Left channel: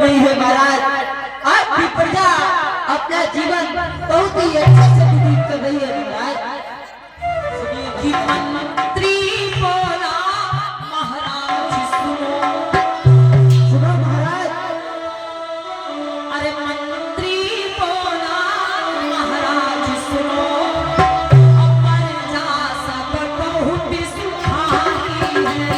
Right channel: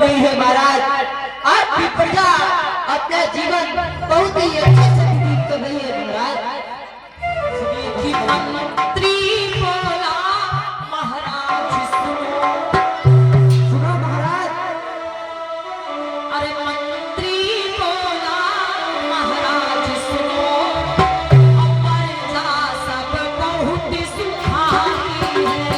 नहीं है महाराज। आपकी प्रजा अपना जीवन बहुत ही अच्छे से व्यतीत कर रही है महाराज। मंत्री बोला महाराज सुनो महाराज। अरे मंत्री बोला महाराज सुनो, प्रजा सब बहुत सुखाई है।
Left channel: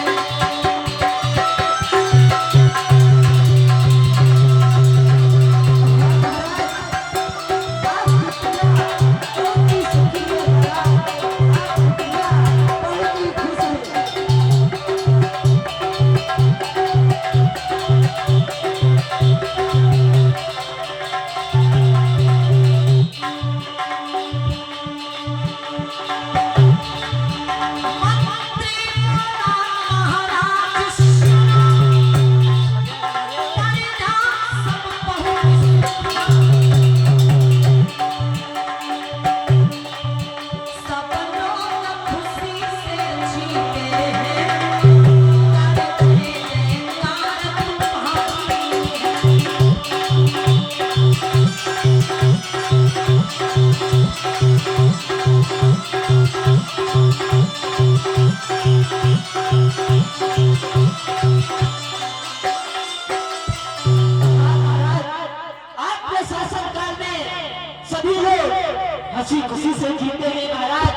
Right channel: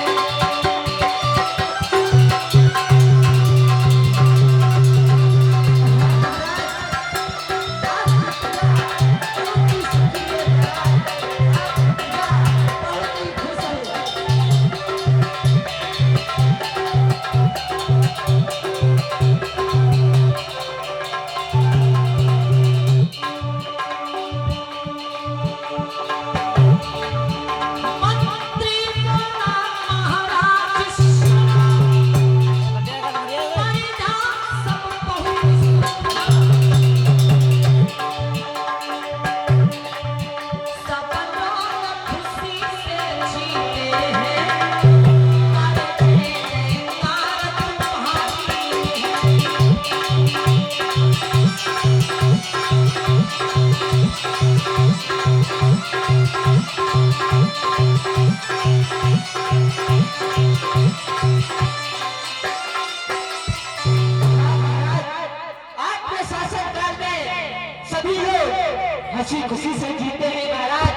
हंसी खुशी से जीते हैं महाराज।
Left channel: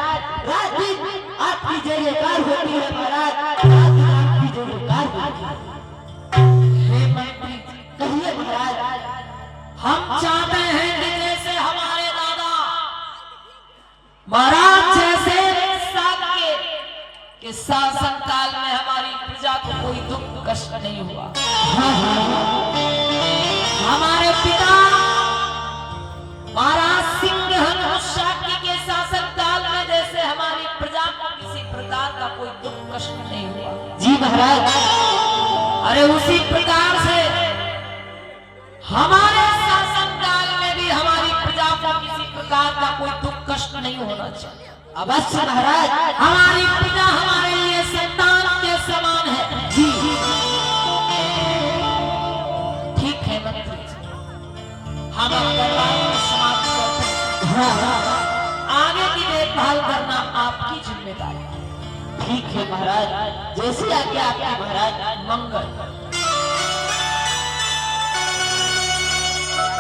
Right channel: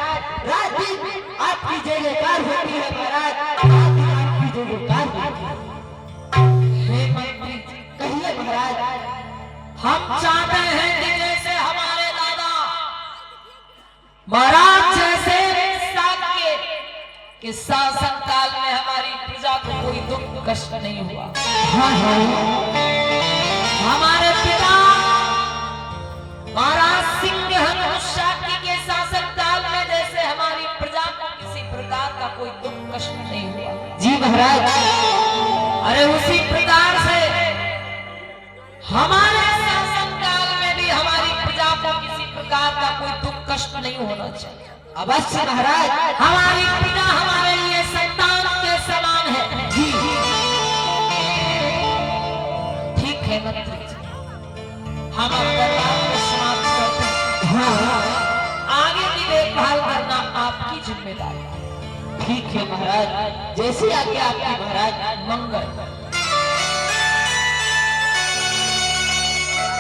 रात दिन आपकी जय जयकार होती है महाराज। रात दिन आपकी जय जयकार होती है। कहिए महाराज। हम चाहते हैं कि जैसे हमारे दादा महाराज जैसे के शासन काल में हमारी प्रजा को कोई दुख कष्ट नहीं हुआ। हमारे पिता महाराज सिंह के शासन काल में जैसे हमारी प्रजा को किसी प्रकार का कोई दुख कष्ट नहीं हुआ। जी महाराज। अरे उसी प्रकार से हमारे शासन काल में भी हमारी प्रजा को किसी प्रकार का कोई दुख कष्ट नहीं होना चाहिए। अवश्य महाराज। हमारी प्रजा हमारे लिए संतान के समान है। जी ठीक है मंत्री जी, हम अपना दरबार समाप्त करते हैं। आगे की देखभाल करना आपकी जिम्मेदारी है। ठीक है महाराज। जैसी आज्ञा आपकी महाराज। मंगल।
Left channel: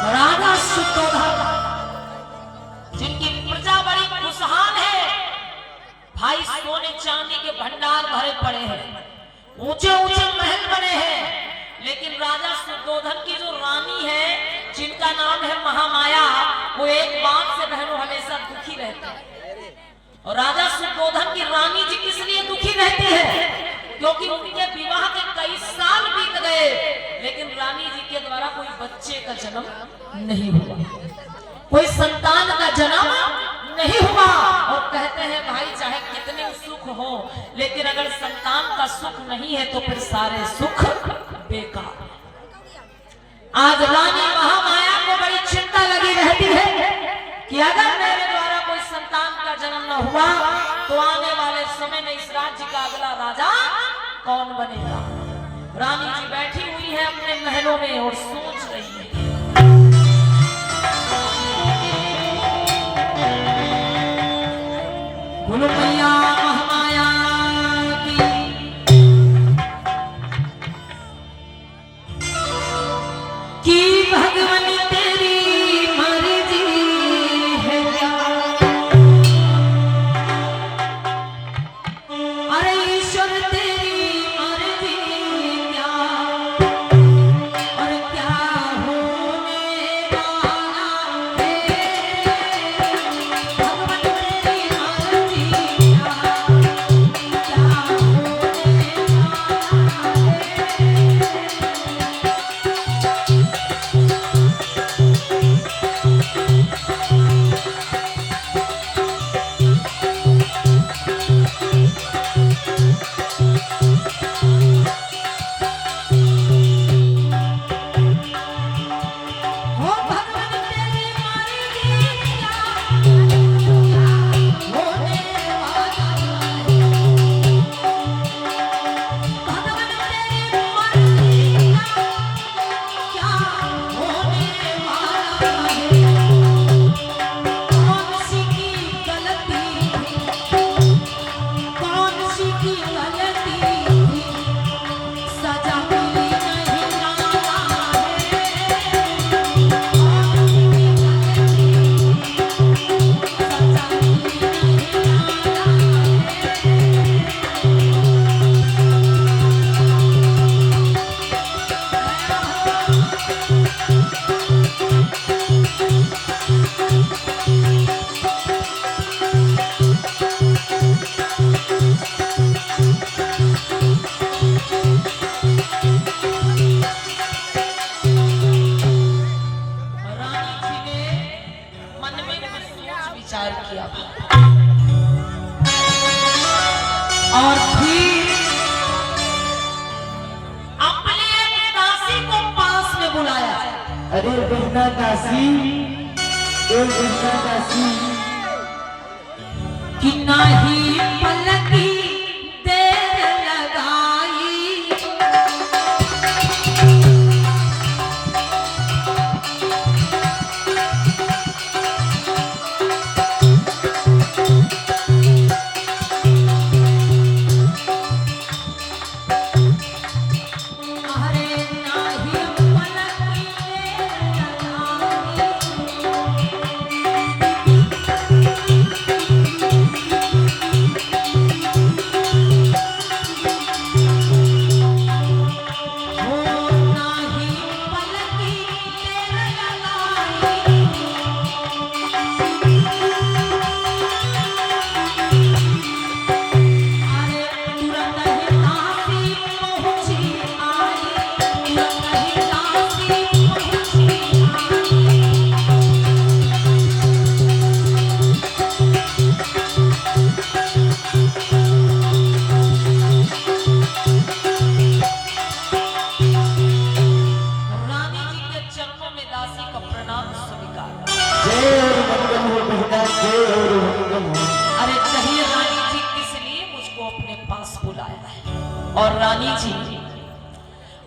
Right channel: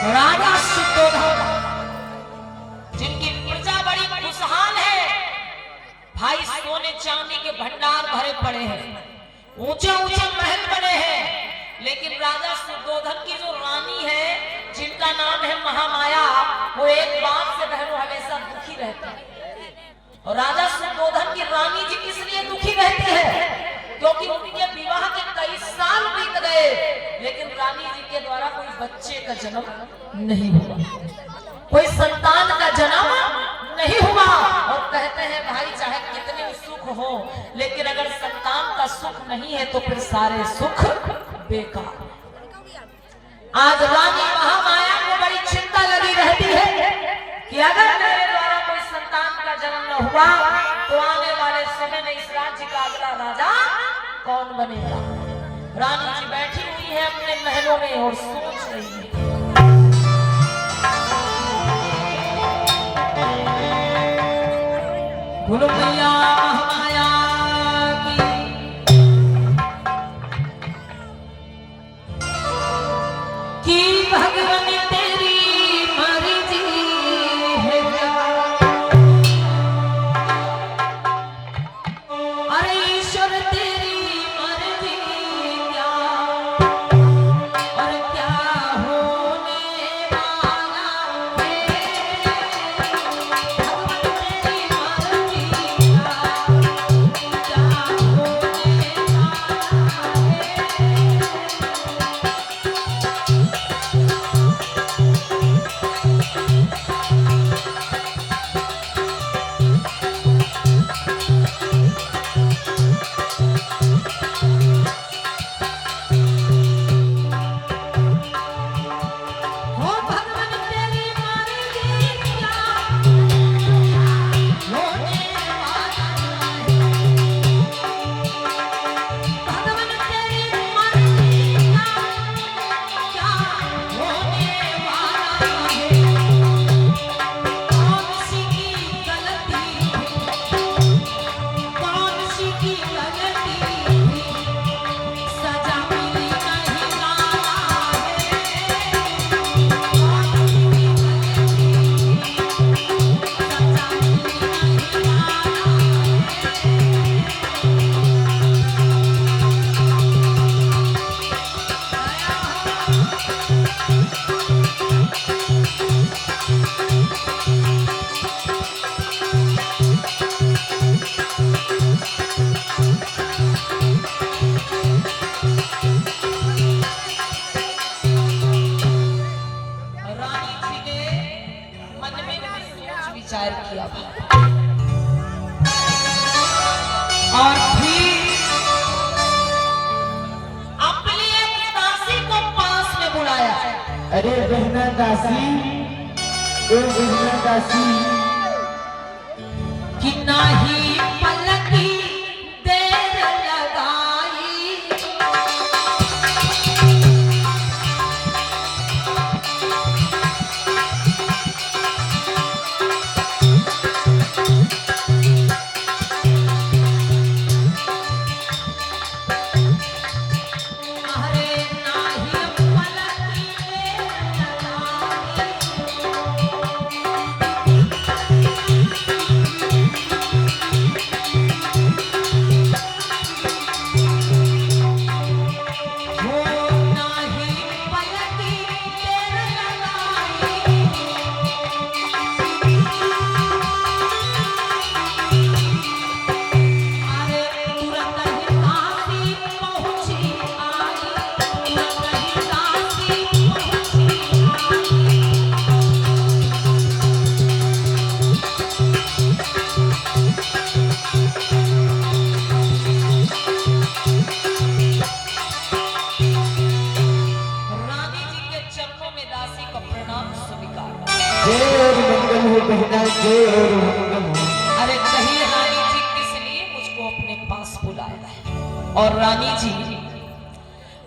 राजा शुद्धोधन जिनकी प्रजा बड़ी खुशहाल है, भाई सोने चांदी के भंडार भरे पड़े हैं, ऊंचे ऊंचे महल बने हैं, लेकिन राजा शुद्धोधन की जो रानी है जिनका नाम है महामाया, वो एक बात से बहनों हमेशा दुखी रहते हैं। और राजा शुद्धोधन की रानी जी किस लिए दुखी रहते हैं? क्योंकि उनके विवाह के कई साल बीत गए, लेकिन रानी जी के द्वारा कोई बच्चे का जन्म नहीं हुआ, कोई संतान का जन्म नहीं हुआ। और कहते हैं भाई चाहे कितने सुख हो, लेकिन अगर संतान का सुख नहीं है तो फिर सारे सुख बेकार। आज रानी महामाया को बड़ी चिंता लगी रहती है कि अगर मेरे द्वारा कोई संतान का जन्म न हुआ तो आने वाले समय में इस राज्य का अगला राजा कौन बनेगा। रानी जी बैठी हुई है अपने महलों में और सोच रही है। बोलो मैया महामाया की भगवान तेरी मर्जी है क्या? अरे ईश्वर तेरी मर्जी क्या? और क्या होने वाला है? भगवान तेरी मर्जी क्या? क्या होने वाला है? दिया और फिर अपने एक दासी को पास में बुलाया। अरे बहना दासी, ओ बहना दासी, कि नहीं पलकी देर लगाई, अरे नहीं पलकी देर लगाई, अरे कही रानी जी किस लिए मुझको अपने पास बुलाया है। और रानी जी,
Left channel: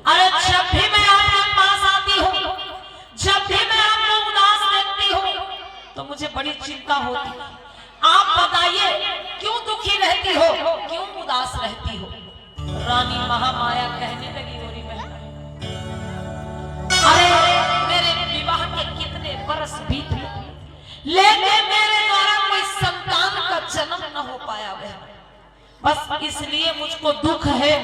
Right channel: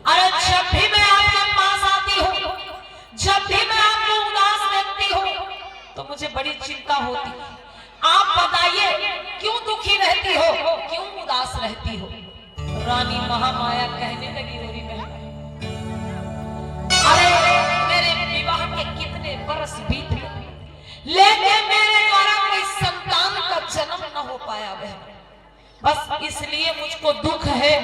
अरे जब भी मैं आपके पास आती हूँ, जब भी मैं आपको उदास देखती हूँ तो मुझे बड़ी चिंता होती है। आप बताइए क्यों दुखी रहती हो, क्यों उदास रहती हो। रानी महामाया कहने लगी, रोरी बहन, अरे मेरे विवाह के कितने बरस बीत गए, लेकिन मेरे द्वारा कोई संतान का जन्म न हो पाया है। बस इसलिए मुझको दुख है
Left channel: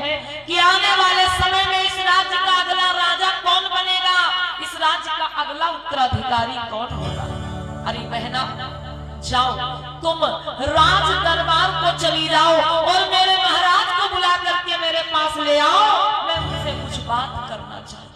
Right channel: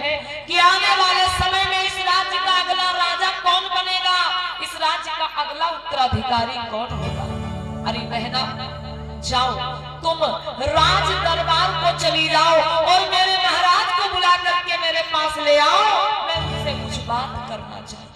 कि आने वाले समय में इस राज्य का अगला राजा कौन बनेगा, इस राज्य का अगला उत्तराधिकारी कौन होगा। अरे बहना, जाओ तुम राज दरबार को चली जाओ और मेरे महाराज को बुला करके मेरे पास ले आओ, मैं उनसे कुछ बात करना चाहती हूँ।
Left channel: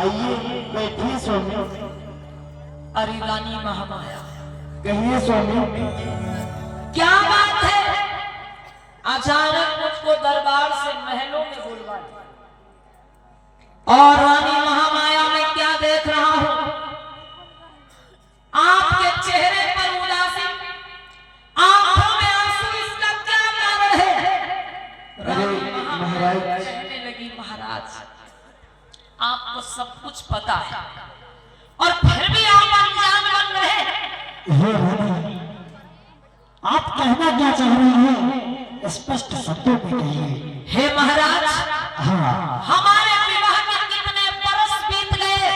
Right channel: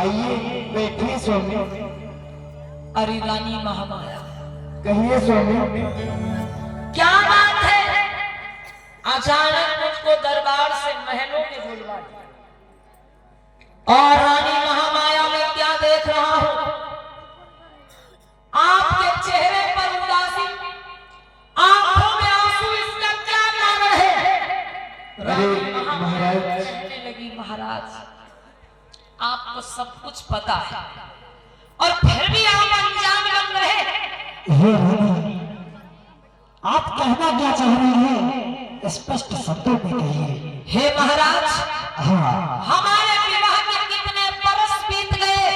आइए बैठिए स्वामी। अरे रानी महामाया, कहिए स्वामी। क्या बात है? अचानक मुझको दरबार से महलों में बुलवा दिया और रानी महामाया में क्या देख रहा हूं, आपके चेहरे पर उदासी, आंखों में आंसू, इसका क्या कारण है? रानी महामाया कहने लगी, महाराज आपको सब कुछ पता है और फिर भी आप अनजान बन रहे हैं। आप कहना क्या चाह रही हैं? स्पष्ट शब्दों में कहिए। हे महाराज, हाँ, हमारे विवाह के कितने बरस बीत गए,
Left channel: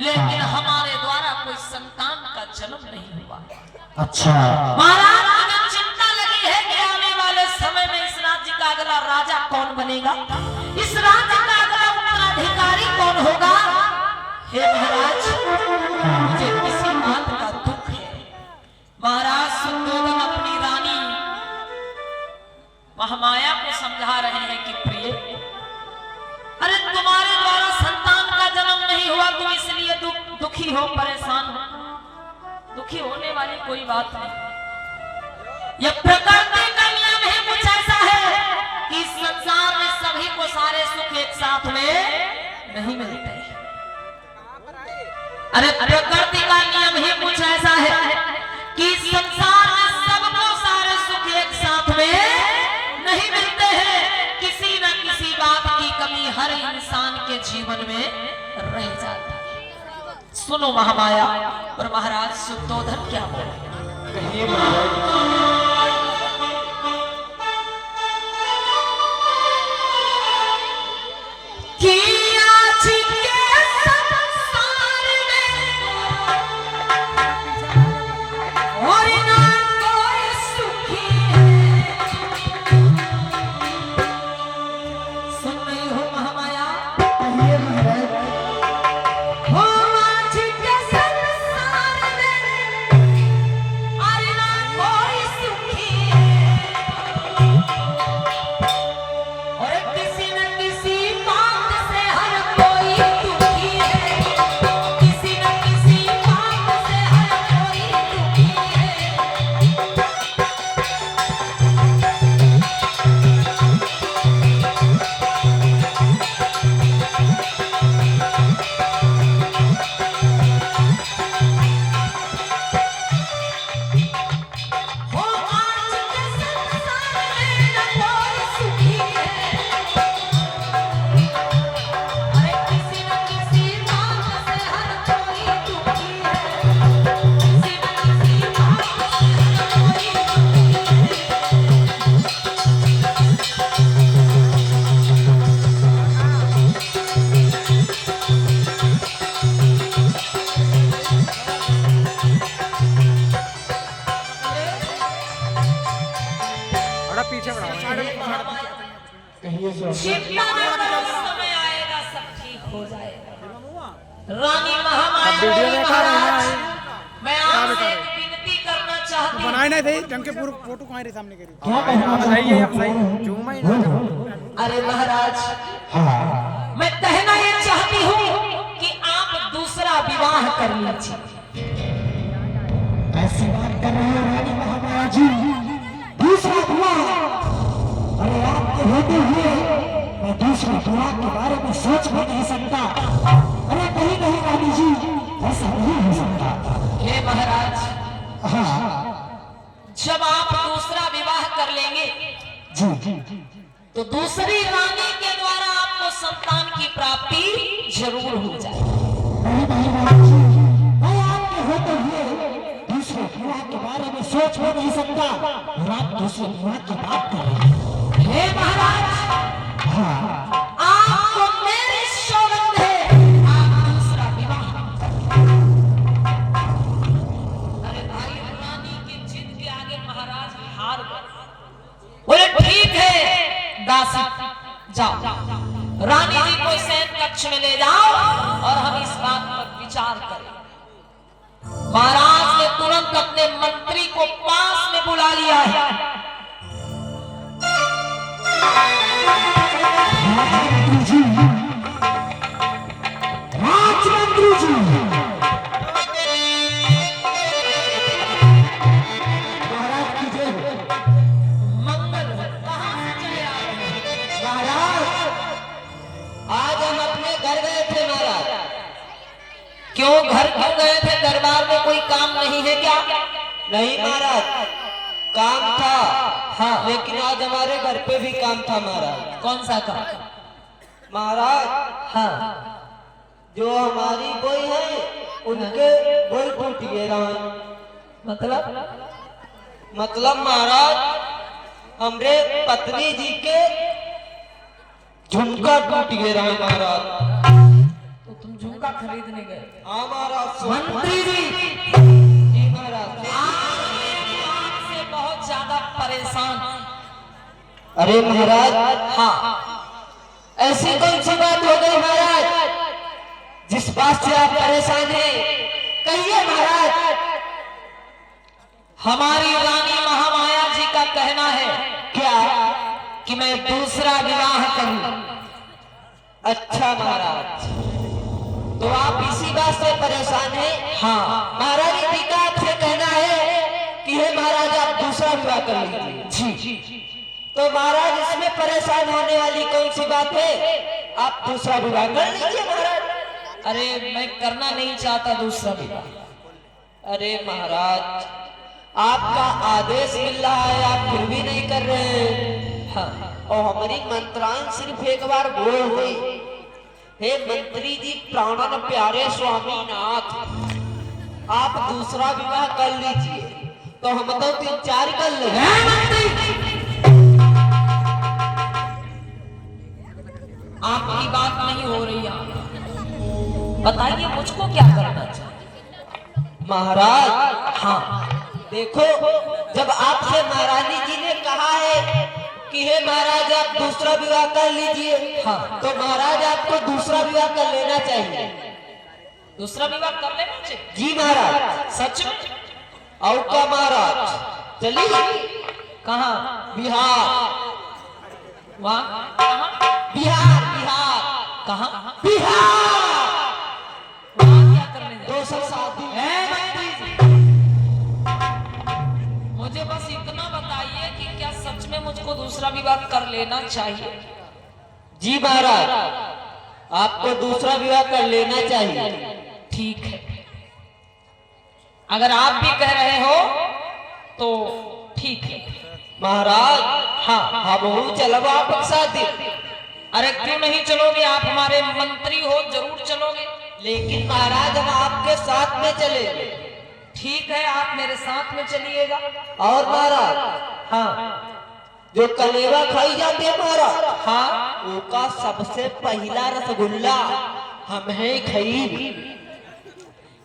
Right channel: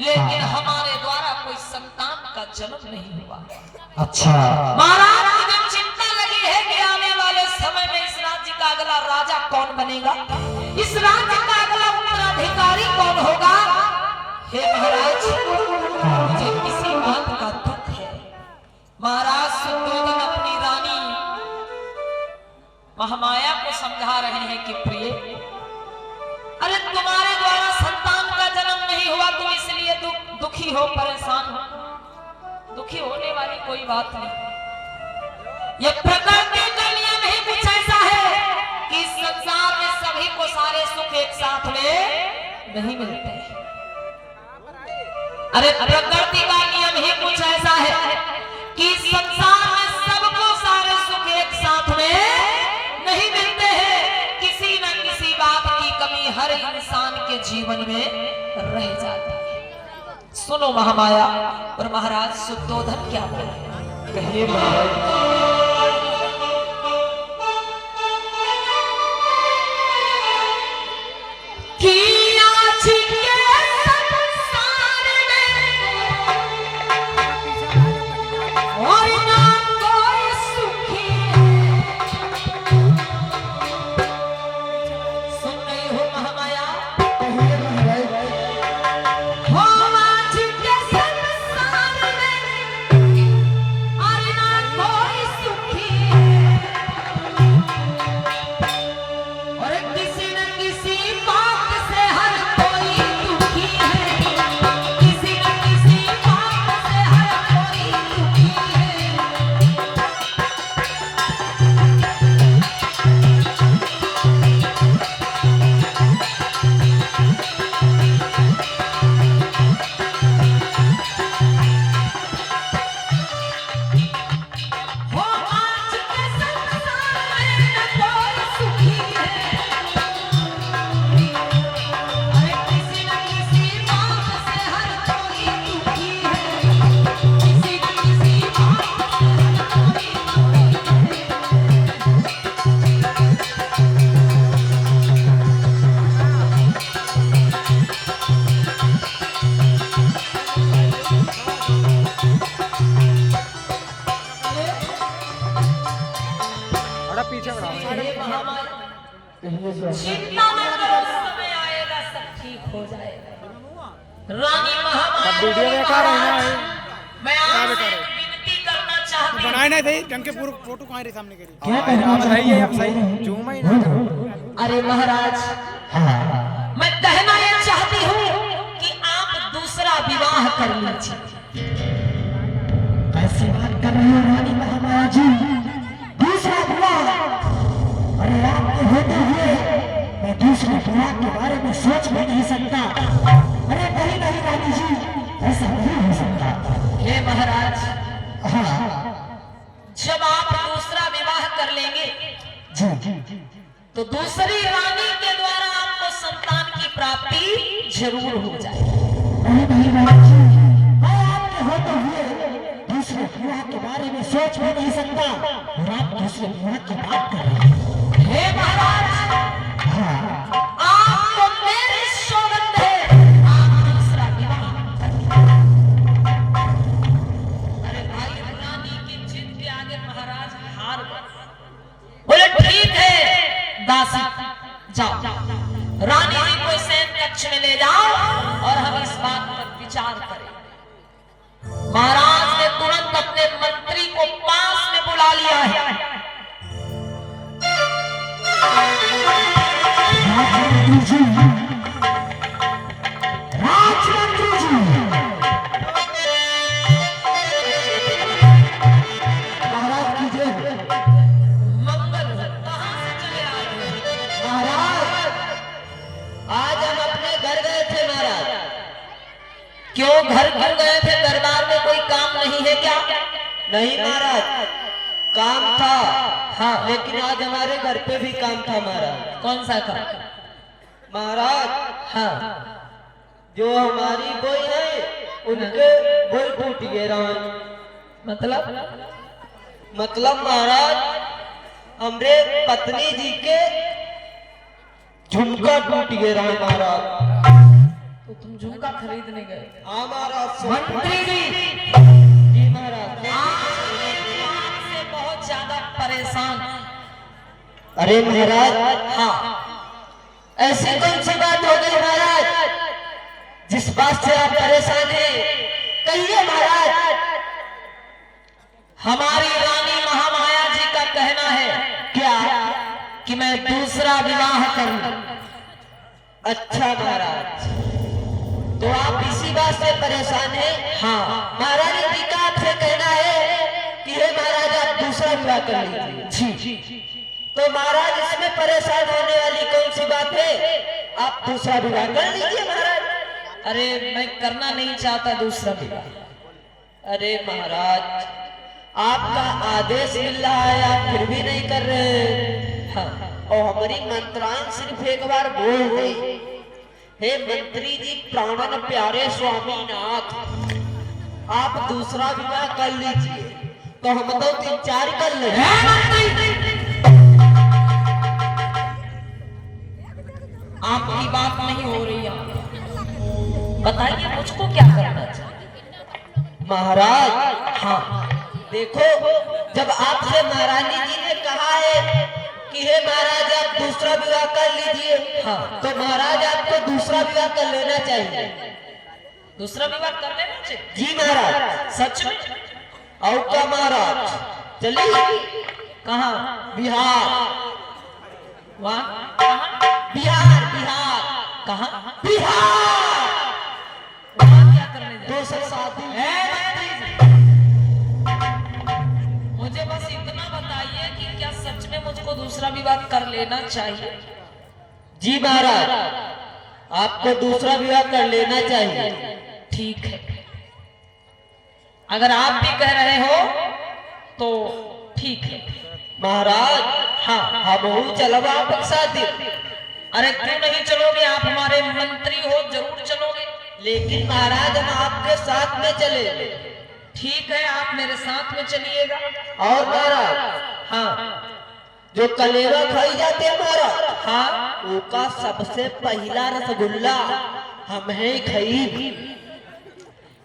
लेकिन हमारे द्वारा कोई संतान का जन्म नहीं हुआ। अच्छा महाराज, मुझे चिंता लगी है कि आने वाले समय में इस राज्य का अगला राजा कौन बनेगा, इस राज्य का अगला उत्तराधिकारी कौन होगा। हे महाराज, मुझे किसी बात का दुख है। महाराज सुद्धोधन अपनी रानी महामाया को समझा रहे हैं कि प्रिय, अरे तुम्हारे द्वारा संतान का जन्म नहीं हुआ, तुम इसलिए दुखी हो, परेशान हो। दुखी होने वाली कोई बात नहीं। ये प्रकृति का नियम ही कुछ ऐसा है कि इस संसार में सभी को सारे सुख एक साथ में नहीं मिलते। अरे प्रकृति का नियम ही कुछ ऐसा है कि इस संसार में सबको सारे सुख एक साथ में नहीं मिलते हैं। किसी न किसी बात की कमी हर इंसान के जीवन में रह जाती है। सुनो महामाया और महाराज शुद्धोधन क्या बोले। कहिए महाराज। पीछे बढ़ाओ। चिंता न करो, समय आएगा सब ठीक हो जाएगा। रानी महामाया अब वीडियो देखा रहे हैं। मैं आपसे विनती करना चाहती हूं। बनाए नहीं थे ढंग के पूरे फोटो कहाँ रे सामने करी। क्या कहना सही है, अब सही जूम ही ना। अरे महाराज, मैं कहना ये चाहती हूँ कि आप दूसरा विवाह कर लीजिए। ऐसी बात कर रहे हैं रानी महामाया जी, दूसरा विवाह? अरे आपके होते हुए मैं दूसरा विवाह के बारे में सोच भी नहीं सकता। अरे नहीं नहीं रानी जी, ऐसा नहीं हो सकता। हे महाराज, हाँ जब आप दूसरा विवाह कर लेंगे जी, तो दूसरी रानी के द्वारा आपको संतान की प्राप्ति जरूर हो जाएगी। नहीं नहीं रानी जी, मैं आपके होते हुए दूसरे विवाह के बारे में सोच भी नहीं सकता और आप दूसरे विवाह की बात कर रहे हैं। हे महाराज, हाँ आपको मेरी सौगंध है, आप दूसरा विवाह अरे भाई, रानी की जिद के आगे महाराज हार गए। बोले ठीक है दासी, जाओ रानी जी को सैन कक्ष में ले जाओ और हम इस बात पर विचार करें। महाराज ने तुरंत अपने मंत्री को पास में बुला लिया है। राजमंत्री जी, राजमंत्री जी, महाराज की जय हो। मंगल हो। कहाँ काम नहीं है क्या? नहीं महाराज, काम था। हाँ। लेकिन आज हमारे घर पे भी काम था महाराज। कौन सा काम? महाराज, हाँ। जो हमारी बोई है उनके बोई टूट गए राम। मतलब महाराज, हमरे पत्नी जी के झुमका टूट गए राम महाराज। तो तुम झुमका खरीदने गए? हाँ महाराज। मंत्री जी महाराज। से बहुत ज्यादा परेशान। अरे महाराज, हाँ। ऐसी कौन सी बात हो गई महाराज जिस बात से आप परेशान हैं? कहिए महाराज। हमारी रानी महामाया जी का कहना है क्या? कि मैं दूसरा विवाह करूं। अच्छा महाराज, तो आप इसी बात से परेशान हैं? हाँ। महाराज जी का आपसे कहना है कि हे महाराज आप दूसरा विवाह कर लीजिए। जी। तो महाराज, इसमें परेशान होने वाली कौन सी बात है? आप दूसरा विवाह कर लीजिए महाराज। अरे मैं करना नहीं चाहता दूसरा विवाह। अरे महाराज, आपका आदेश मिल रहा है, आप फिर भी नहीं कर रहे। हाँ। और हमारी मंत्रायण सिर्फ एक बार बोल गई, हे मंत्री जी प्राणन प्यारे स्वामीनाथ, आप दूसरा विवाह कर लीजिए। तो हम तो 3-4 कर लेंगे। आपकी बात नहीं हो रही है। बताइए मुझको क्या करना चाहिए? महाराज, हाँ। देखो, जब आपसे महारानी जी ने कहा है कि हे महाराज आप दूसरा विवाह कर लीजिए, हाँ। तो महाराज आपको दूसरा विवाह कर लेना चाहिए। दूसरा विवाह कर लेना चाहिए? जी महाराज। सच में? और का महाराज, चलिए। कहाँ? बिहार। वहाँ? कहाँ? बिहार। कहाँ? बिहार। वहाँ क्या करने जाए? दूसरा शादी। मुझे बस इतना बताइए कि क्या सच में मुझको दूसरा विवाह कर लेना चाहिए? जी महाराज, आपको दूसरा विवाह कर लेना चाहिए। ठीक है, अगर आप भी कह रहे हो तो ठीक है महाराज। हाँ, हम चलब आप शादी। अरे क्यों नहीं चलोगे? आप हमारे मंत्री हो, जरूर चलोगे। लेकिन महाराज, हम आपके साथ में चले। ठीक है, आप मेरे साथ में चलिएगा। और महाराज, हाँ। जो कलेवा खाई जाती है महाराज, हाँ। उसका सबसे पहला रसगुल्ला हम हैं खाई।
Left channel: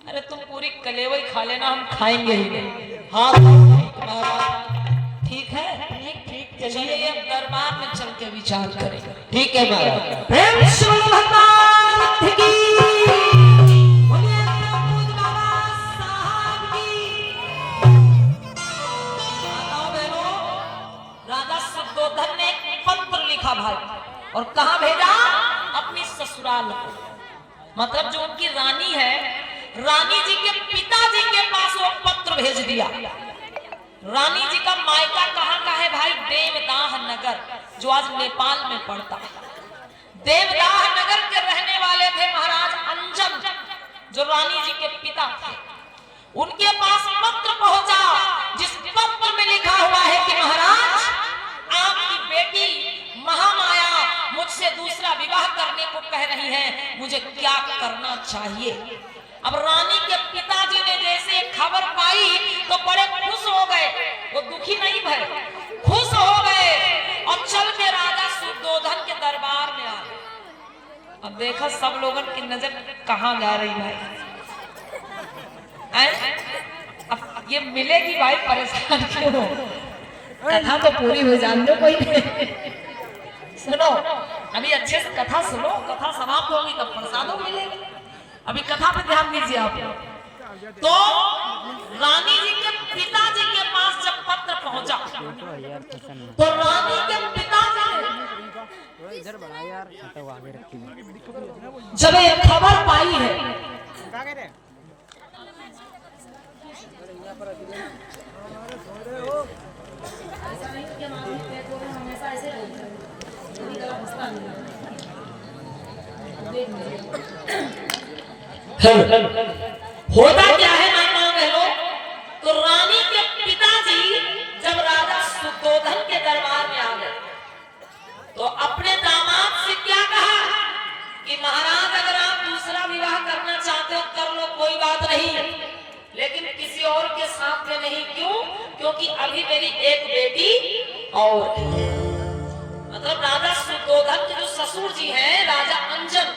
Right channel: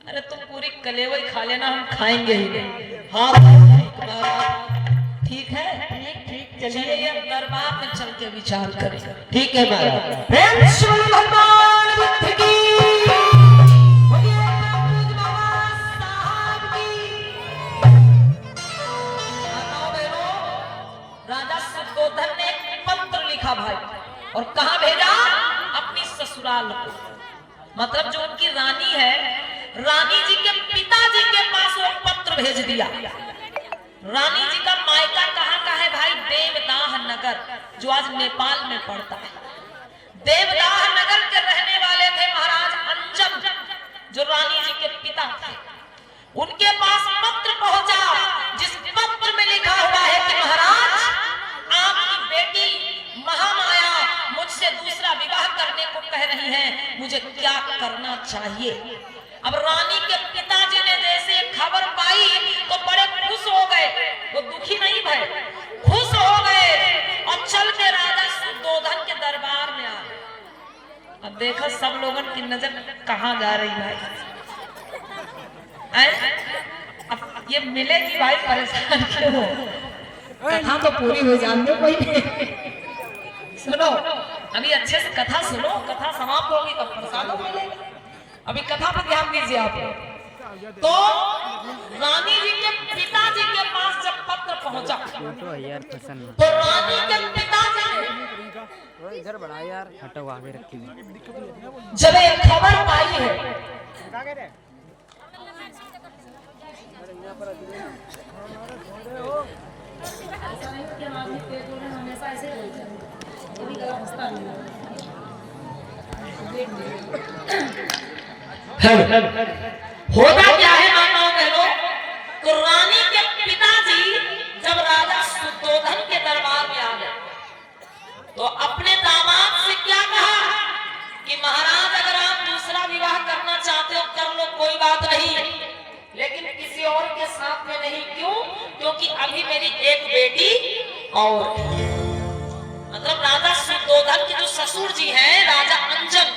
अरे तुम पूरी कलेवई खा लेना, हम खाएंगे ही नहीं। हाँ महाराज। ठीक है, ठीक। चलिए अब दरबार में चल के विचार करेंगे। ठीक है महाराज। प्रेम से भगवान बुद्ध की, बोलिए प्रभु साहब की। बताओ बहनों, राजा शुद्धोधन ने पत्र लिखा भाई, और कहाँ भेजा? अपनी ससुराल को। मतलब जो उनकी रानी है, रानी जी के पिताजी के पास वो पत्र भेज दिया। रानी जी का मायका कहाँ का है भाई? देवदाह नगर, जो आज नेपाल में पड़ता है। देवदाह नगर के रहने वाले थे महाराज अंजम, जो रानी जी के पिता थे। उनके पास पत्र पहुंचा, जिस पत्र में लिखा हुआ है कि महाराज, आपकी बेटी महामाया मुझसे दूसरा विवाह करने को कह रही है, मुझे क्या करना चाहिए? अब रानी के पिताजी ने जैसे खबर पाई तो बड़े खुश हो गए। वो दुखी नहीं भय, खुश हो गए और चल के राजा शुद्धोधन के दरबार में आ गए। अब देखा सब लोगों की नजर कहाँ जा रही है। अब ये मिलेगी भाई, परेशान क्यों हो? कथा तो पूरी हो जान दो कोई। सुनो, अभी अच्छे से कथा सुनो, कथा समाप्त होगी तब प्रसादों मिलेगा। अभी कथा पर ध्यान दीजिए आप। तो रानी जी के पिताजी के पास जब पत्र पहुंचा, तो रानी के पिताजी ने इधर बढ़ा यार, हटो आगे रखी। जब ये खबर पाई है, होता क्या है माताओं बहनों, साथ में नहीं। क्यों? क्योंकि अभी मेरी एक बेटी और है। मतलब राजा सुद्धोधन के जो ससुर जी हैं राजा अंजन,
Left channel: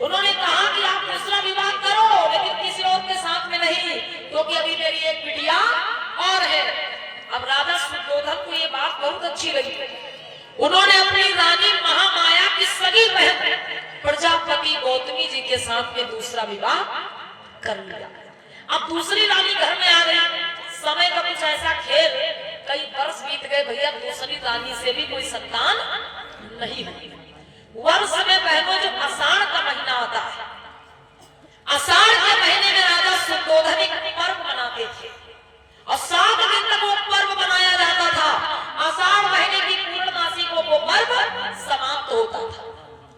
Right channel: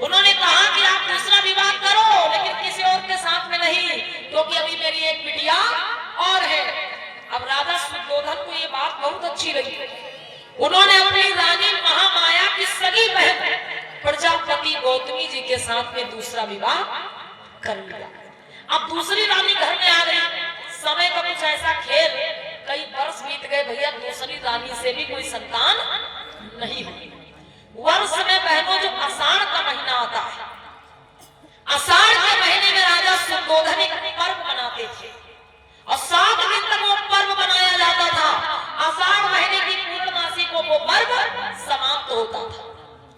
उन्होंने कहा कि आप दूसरा विवाह करो लेकिन किसी और के साथ में नहीं, क्योंकि अभी मेरी एक बिटिया और है। अब राजा सुद्धोधन को ये बात बहुत अच्छी लगी। उन्होंने अपनी रानी महामाया की सगी बहन प्रजापति गौतमी जी के साथ में दूसरा विवाह कर लिया। अब दूसरी रानी घर में आ गई। समय का कुछ ऐसा खेल, कई वर्ष बीत गए भैया, दूसरी रानी से भी कोई संतान नहीं हुई। वर्ष में बहनों जो आषाढ़ का महीना आता है, आषाढ़ के महीने में राजा सुद्धोधन एक पर्व मनाते थे और 7 दिन तक वो पर्व मनाया जाता था। आषाढ़ महीने की पूर्णमासी को वो पर्व समाप्त होता था।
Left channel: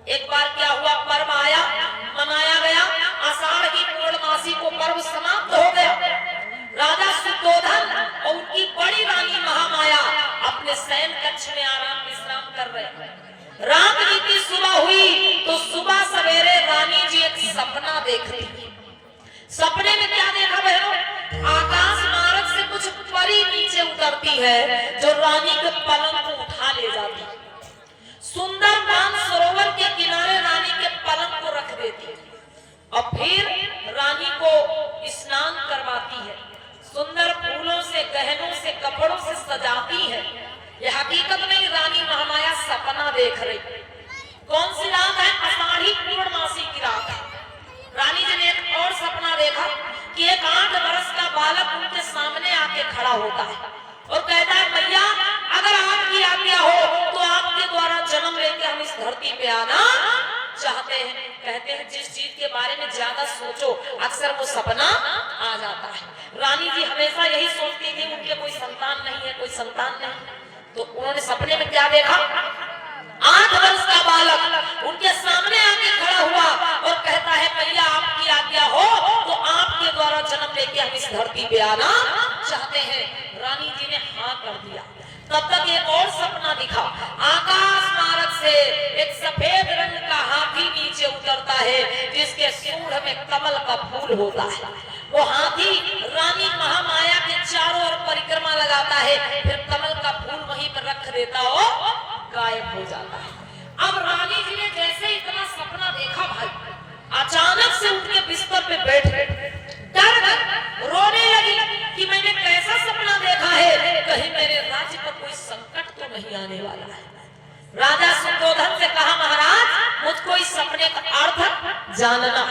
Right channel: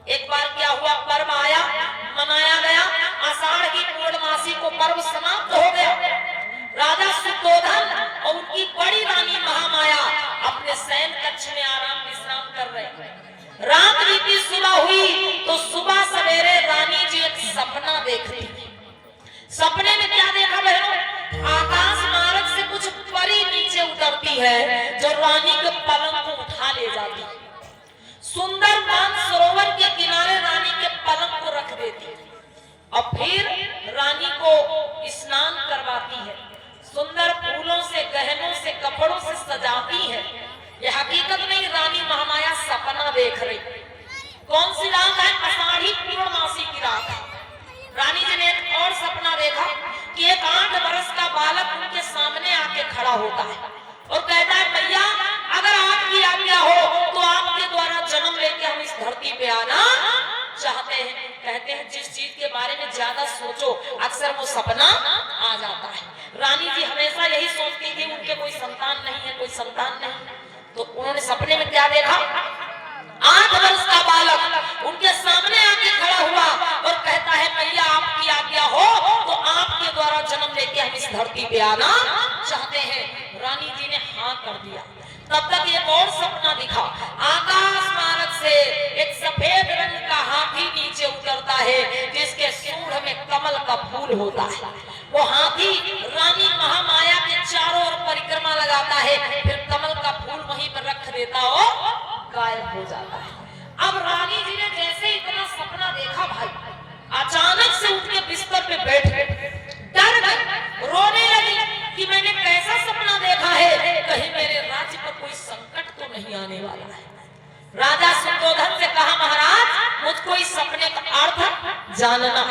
एक बार क्या हुआ, पर्व आया, मनाया गया, आषाढ़ की पूर्णमासी को पर्व समाप्त हो गया। राजा सुद्धोधन और उनकी बड़ी रानी महामाया अपने शयन कक्ष में आराम विश्राम कर रहे। रात बीती, सुबह हुई तो सुबह सवेरे रानी जी एक सपना देखती। सपने में क्या देखा बहनों? आकाश मार्ग से कुछ परी नीचे उतरती है जो रानी के पलंग को उठा ले जाती। सुंदर मान सरोवर के किनारे रानी के पलंग को रख देती और फिर रानी को स्नान करवाती है। सुंदर फूलों से, गहनों से, कपड़ों से सजाती है। ये हकीकत नहीं, रानी महामाया सपना देख रही। कौन सी रात है? आषाढ़ी पूर्णमासी की रात है। रानी जी ने एक और सपना देखा कि एक 8 वर्ष का बालक उनके सामने आके खड़ा होता है और कहता है, मैया अगर आपकी आज्ञा हो तो आपके द्वारा जन्म लेके हम इस धरती पे आना चाहते हैं। कहते हैं जिस चीज के बारे में ज्यादा सोचो अक्सर वो सपना आ जाता है। रानी जी हमेशा यही सोचती थी उनके कोई संतान नहीं है, कोई संतान नहीं। तो उन्होंने सपने में क्या देखा? 8 वर्ष का बालक उनके सामने आके खड़ा हुआ और कहता है, मैया आपकी आज्ञा हो तो आपके द्वारा जन्म लेके हम इस धरती पे आना चाहते हैं। रानी जी ने हाँ कर दिया। तब तक एक और सपना दिखा। आकाश मार्ग से एक सफेद रंग का हाथी नीचे उतरता है जिसके सूंड में कमल का फूल होता है। वो हाथी रानी महामाया के चारों ओर परिक्रमा लगाता है, फिर कमल का फूल वहीं पर रख देता और गायब हो जाता है। अब रानी जी ने जैसे इतना सपना देखा भाई, अचानक से उठ के बिस्तर पे बैठ गई, डर गई, रोने लगी कि मैंने कैसा सपना देखा है, कहीं मेरे राज्य पर कोई संकट तो नहीं आने वाला है। राजा सुद्धोधन से कहा, महाराज मुझको इस सपने का अर्थ जानना।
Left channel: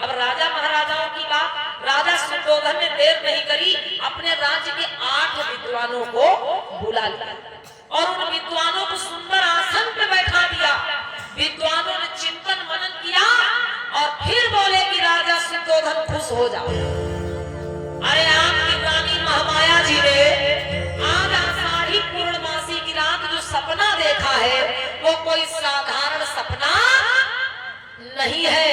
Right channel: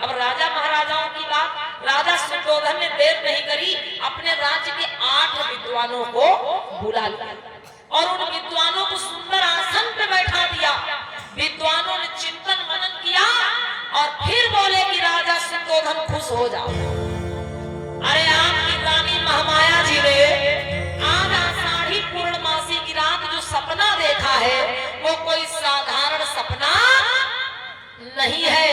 अब राजा महाराजाओं की बात, राजा सुद्धोधन ने देर नहीं करी, अपने राज्य के 8 विद्वानों को बुला लिया और उन विद्वानों को सुंदर आसन पे बैठा दिया। विद्वानों ने चिंतन मनन किया और फिर बोले कि राजा सुद्धोधन खुश हो जाओ। अरे आपकी रानी महामाया जी ने आज आषाढ़ी पूर्णमासी की रात जो सपना देखा है वो कोई साधारण सपना नहीं है।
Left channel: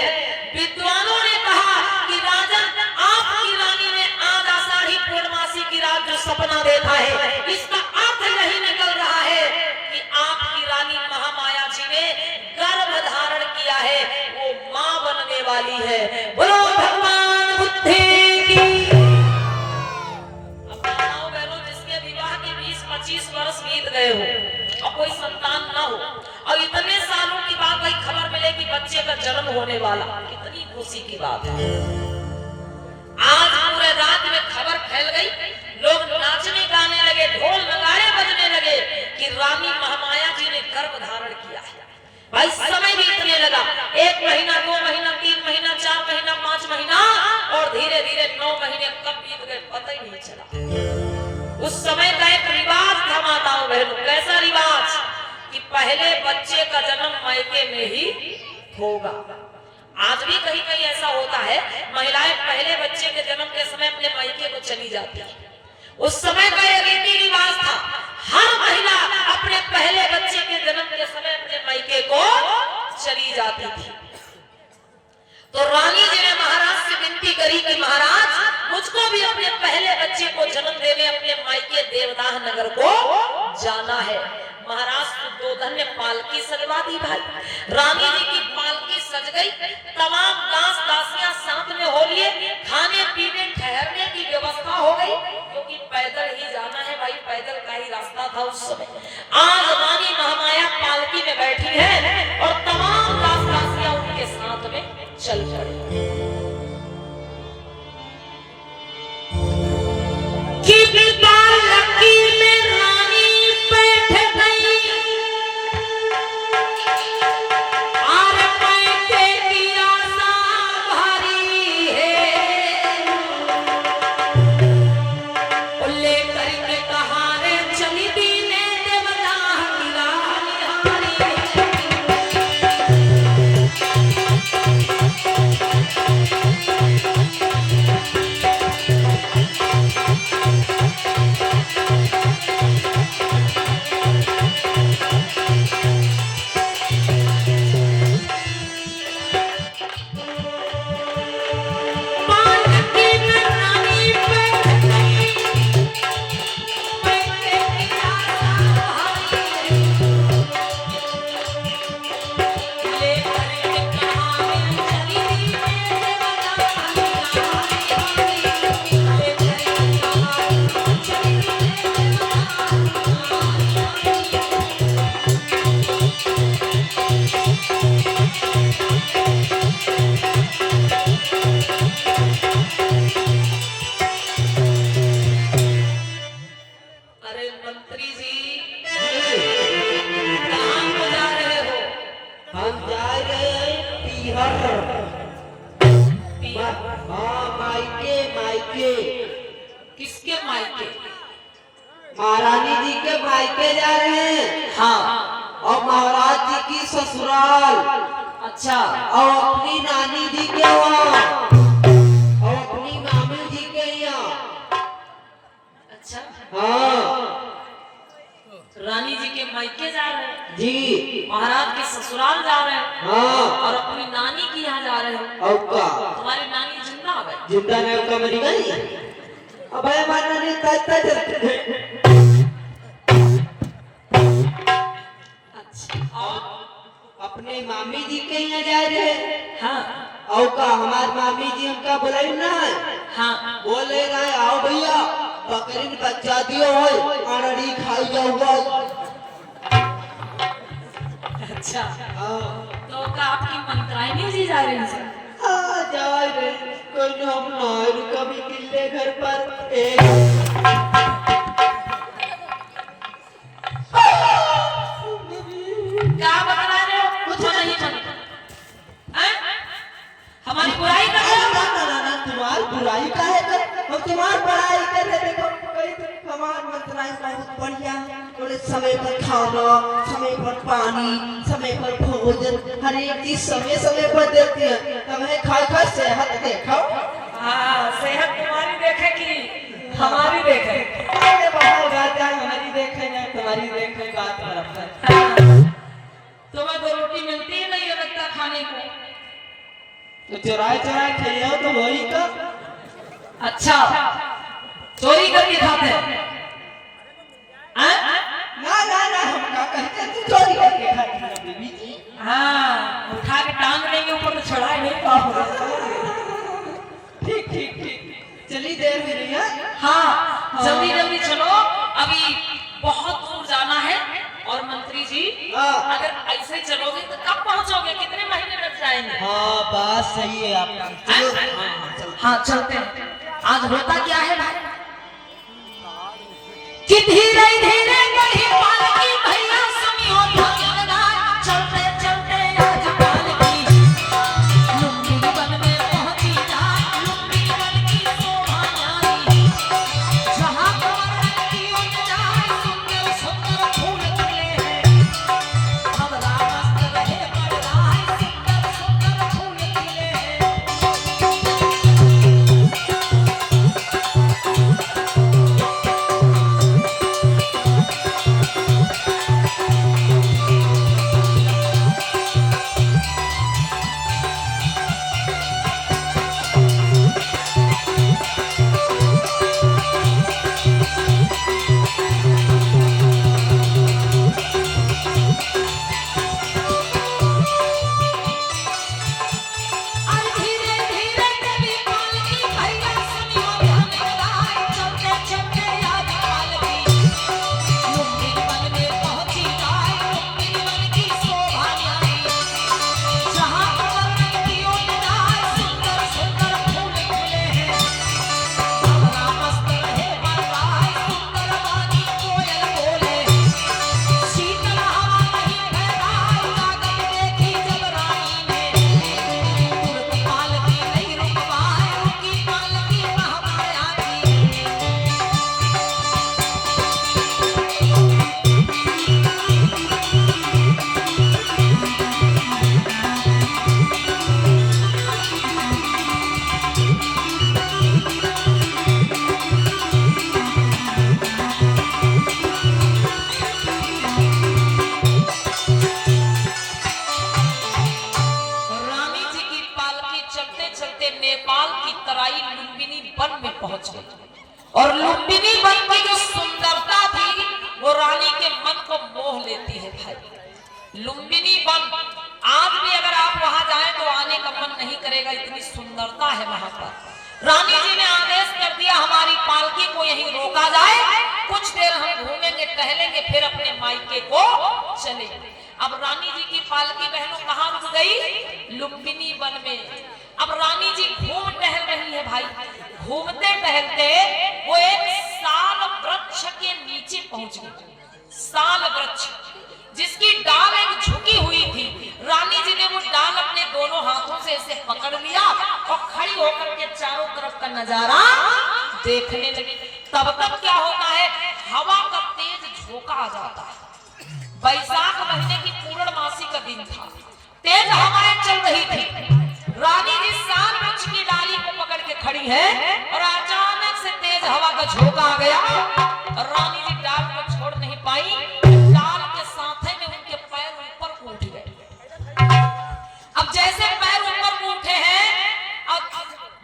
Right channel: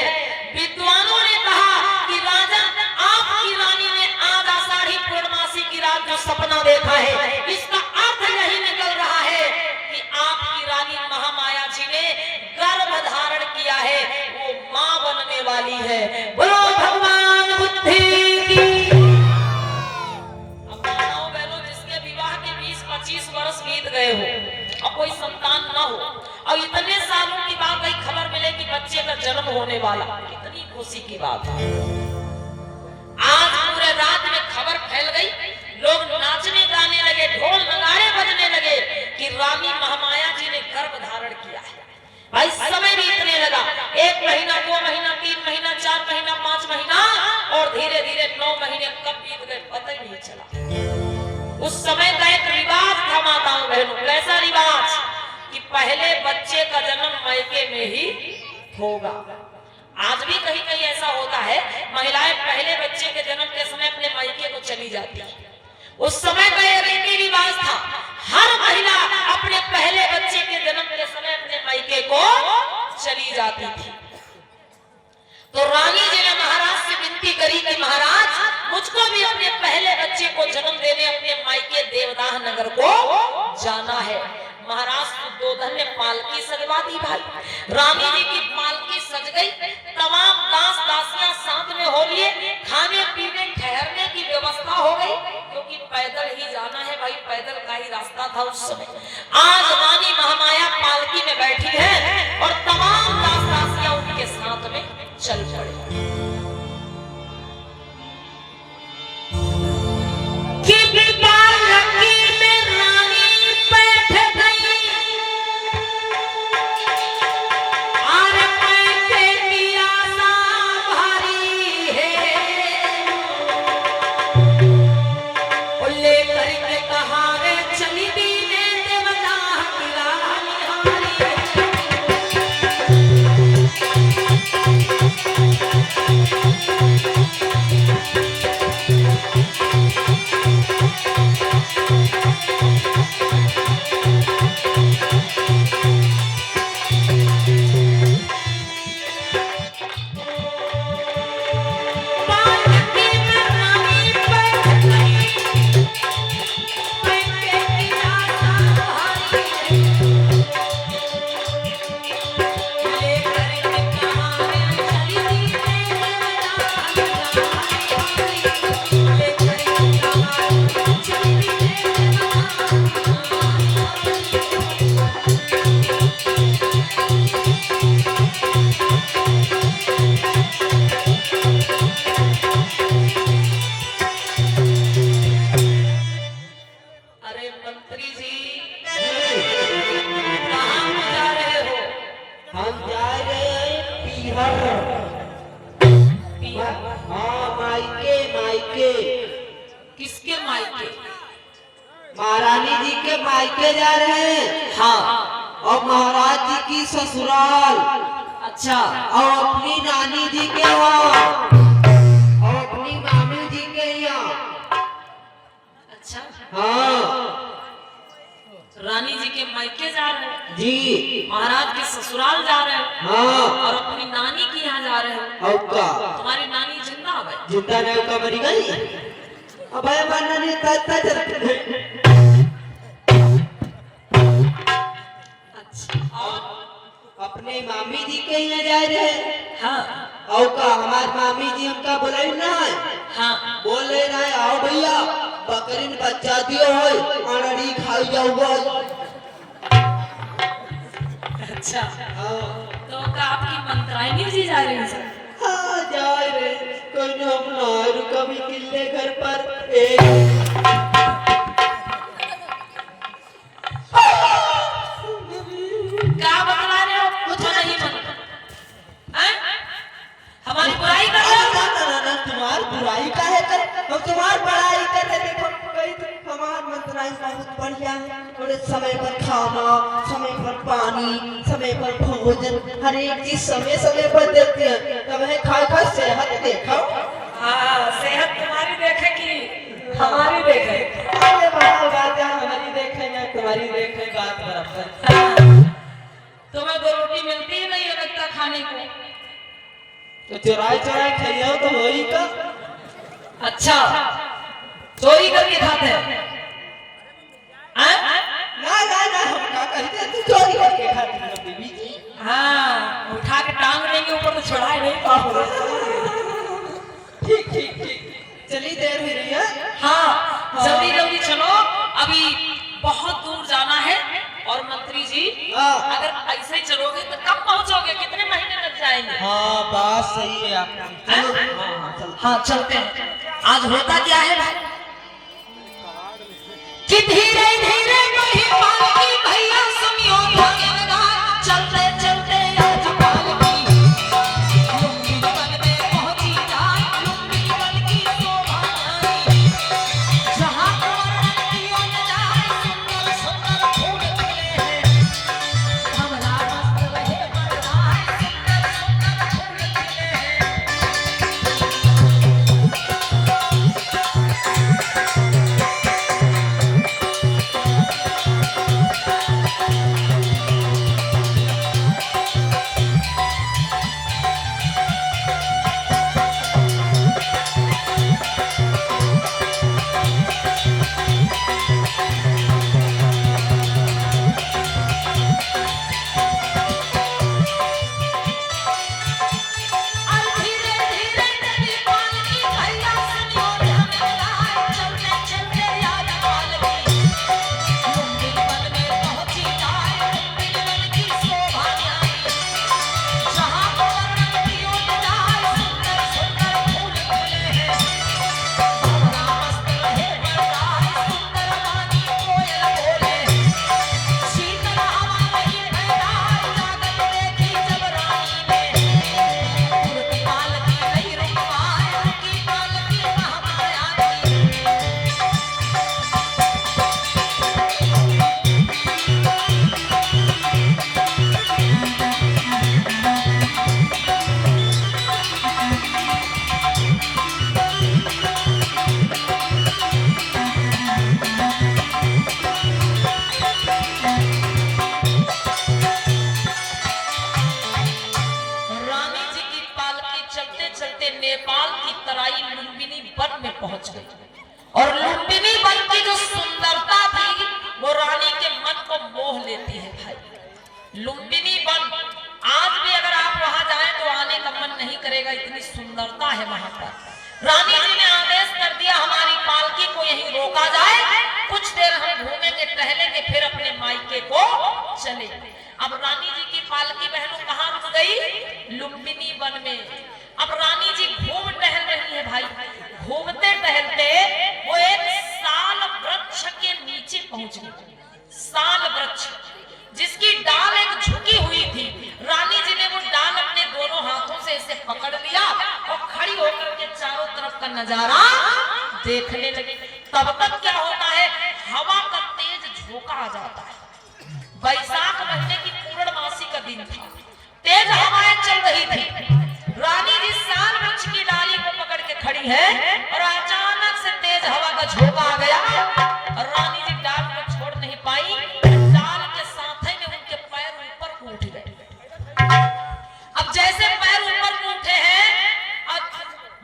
विद्वानों ने कहा कि राजा आपकी रानी ने आज आषाढ़ी पूर्णमासी की रात जो सपना देखा है इसका अर्थ यही निकल रहा है कि आपकी रानी महामाया जी ने गर्भ धारण किया है, वो मां बनने वाली है। बोलो भगवान बुद्धि की। अब माताओं बहनों, जिसके विवाह के 20-25 वर्ष बीत गए हो और कोई संतान ना हो और इतने सालों की बाद भाई खबर मिले कि बच्चे का जन्म होने वाला, कितनी खुशी की बात है। आज पूरे राज्य में खबर फैल गई, लोग नाचने गाने लगे, ढोल नगाड़े बजने लगे कि रानी महामाया जी ने गर्भ धारण किया है। भाई समय बीतने लगा, 1 महीना, 2 महीना, 3 महीना, 4 महीना, 5 महीना और धीरे धीरे 9 महीने कब बीत गए पता ही नहीं चला। उस समय का एक रिवाज था माताओं बहनों। कैसा रिवाज? कि पहले बच्चे का जन्म मायके में ही होगा। आज भी कहीं कहीं ऐसा होता है, महिलाएं पहले बच्चे के जन्म के समय अपने मायके को चली जाती है। उस समय का ये रीति रिवाज था, हर महिला अपने पहले बच्चे के जन्म के समय अपने मायके को चली जाती थी। तो रानी जी ने महाराज से विनती करी कि महाराज मुझको भी अपने पहले बच्चे को जन्म देने अपने मायके देवदाह नगर को जाना है। महाराज सुद्धोधन ने पालकी सजवा दी। भाई रानी जी की पालकी सज गई, तमाम दास दासियां साथ में हो लिए, खाने पीने ठहरने की व्यवस्था हो गई। रहा था उस समय। आज रानी महामाया पालकी में बैठी है और तमाम दास दासियां उनके साथ में चल पड़ी। किसके मायके? महारानी जी के मायके जा रहे हैं। हाँ। और महाराज जी की ससुराल। अच्छा। और अपनी नानी जी के यहाँ और अपनी मामी जी के यहाँ। अच्छा। हाँ। रानी जी के मायके जा रहे हैं जी। महाराज के ससुराल जा रहे हैं। हाँ। और अपनी नानी के यहाँ जा रहे हैं। और का हमारी नानी जिंदा है? जिंदा नहीं का मरी गई। अब मानने ने कहता चलते अपने मामी जी के यहाँ जा रहे हैं। हाँ। और का हमारे मामी जी हमका बोले ना है। हाँ। बोले ना आओ भैया बकरीन बच्चा दियो हो अनड़ी खाई जाऊगा। अच्छा। हाँ। तो का आपकी मंत्राइनी जी जा रही हैं? हाँ जा रहे। कोई ना अपना कभी किले घर पर एक क्या बता रहे हो? कुछ नहीं बनता। हमारी बुराई कर रहे हो? तुम्हारी बुराई का है हम तुम्हारी बड़ाई कर रहे थे। हमारे मंत्राई बहुत बढ़िया है। थोड़े समय पर खाना, समय पर पानी, समय पर भोजन, हर एक चीज समय समय पर देती है। तुम्हें खा सेहत देखो। हाँ, सेहत तुम्हारी देखे कि हमारी देखे? अरे बाहर बात है, हमारी देखे या तुम्हारी देखे बात बराबर। तुम्हें दो रोटी मिलती है नहीं लगता खाने को? तो चुराए चुराए खाइयो तो वही का। अच्छा, चोरी करके खाते हैं? ना ना ना हम क्या कहते हैं, तू चोरी करके खाती है बीबी जी। हाँ, उठा के टांग लेंगे ऊपर तो छुड़ा ही नहीं पाओगे। ठीक ठीक ठीक चली देर हो रही है। हाँ, जल्दी जल्दी चलो, अभी बहुत दूर जाना है। और मंत्री जी अगर ऐसे ही चलोगे तो कब पहुंचोगे? कितने महीने लग जाएंगे? हाँ बात सही है आपकी। चलो हाँ चलते हैं। आज होता क्या है भाई कि धीरे धीरे बढ़ी पालकी भैया सुनियो भगवाना। चलते चलते आज पालकी लुंगी बन में पहुंची जाए। लुंगी बन की शोभा न्यारी जहां पर रखियो सुंदर सुंदर फूल खिले हैं। अबला मस्त रहे बड़ा सुंदर सुंदर फूल खिले हैं। गई और लुम्बिनी बन की जो सुंदरता थी वो रानी के मन को मोह लेती है भाई। लुम्बिनी बन आज भी अगर आप वहां जाएं तो आने का मन नहीं करेगा, इतनी सुंदरता है वहां पर। रानी जी ने आदेश कर दिया हमारी पालकी को यहीं रोका जाए, कुछ देर हम घूमेंगे टहलेंगे फिर अपने मायके को चलेंगे। अब रानी जी की पालकी बहनों कहाँ रुक गई? लुम्बिनी वन में। अब रानी जी घूम टहल रही है भाई, घूमते टहलते वो एक साल वृक्ष के नीचे पहुंच गई। साल वृक्ष जिसकी डाल एक झुकी हुई थी, रानी जी ने वो डाल अपने दोनों हाथों से इसे पकड़ लिया और खड़ी होकर के चारों तरफ का नजारा देखने लगी। तब तक क्या होता है, हवा का तेज झोंका आ जाता है। बैसाख महीने की पूर्णमासी का दिन था, तेज हवाएं चल रही थी। रानी जी साल वृक्ष की डाली को पकड़ के खड़ी है और अचानक से तेज हवा का झोंका आ गया और रानी जी डाल को छोड़ नहीं पाई। डाल के साथ में उनके पैर ऊपर को उठ गए। अब जैसे पैर ऊपर को उठे हैं और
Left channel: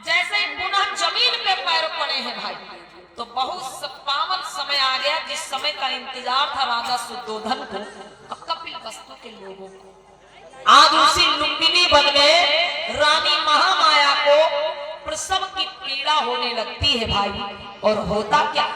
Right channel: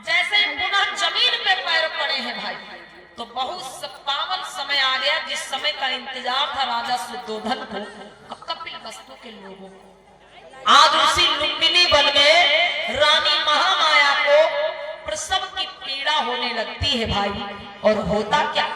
जैसे पुनः जमीन पे पैर पड़े हैं भाई, तो बहुत पावन समय आ गया जिस समय का इंतजार था राजा शुद्धोधन को और कपिलवस्तु के लोगों को। आज उसी लुम्बिनी वन में रानी महामाया को प्रसव की पीड़ा होने लगती है भाई। और होता क्या,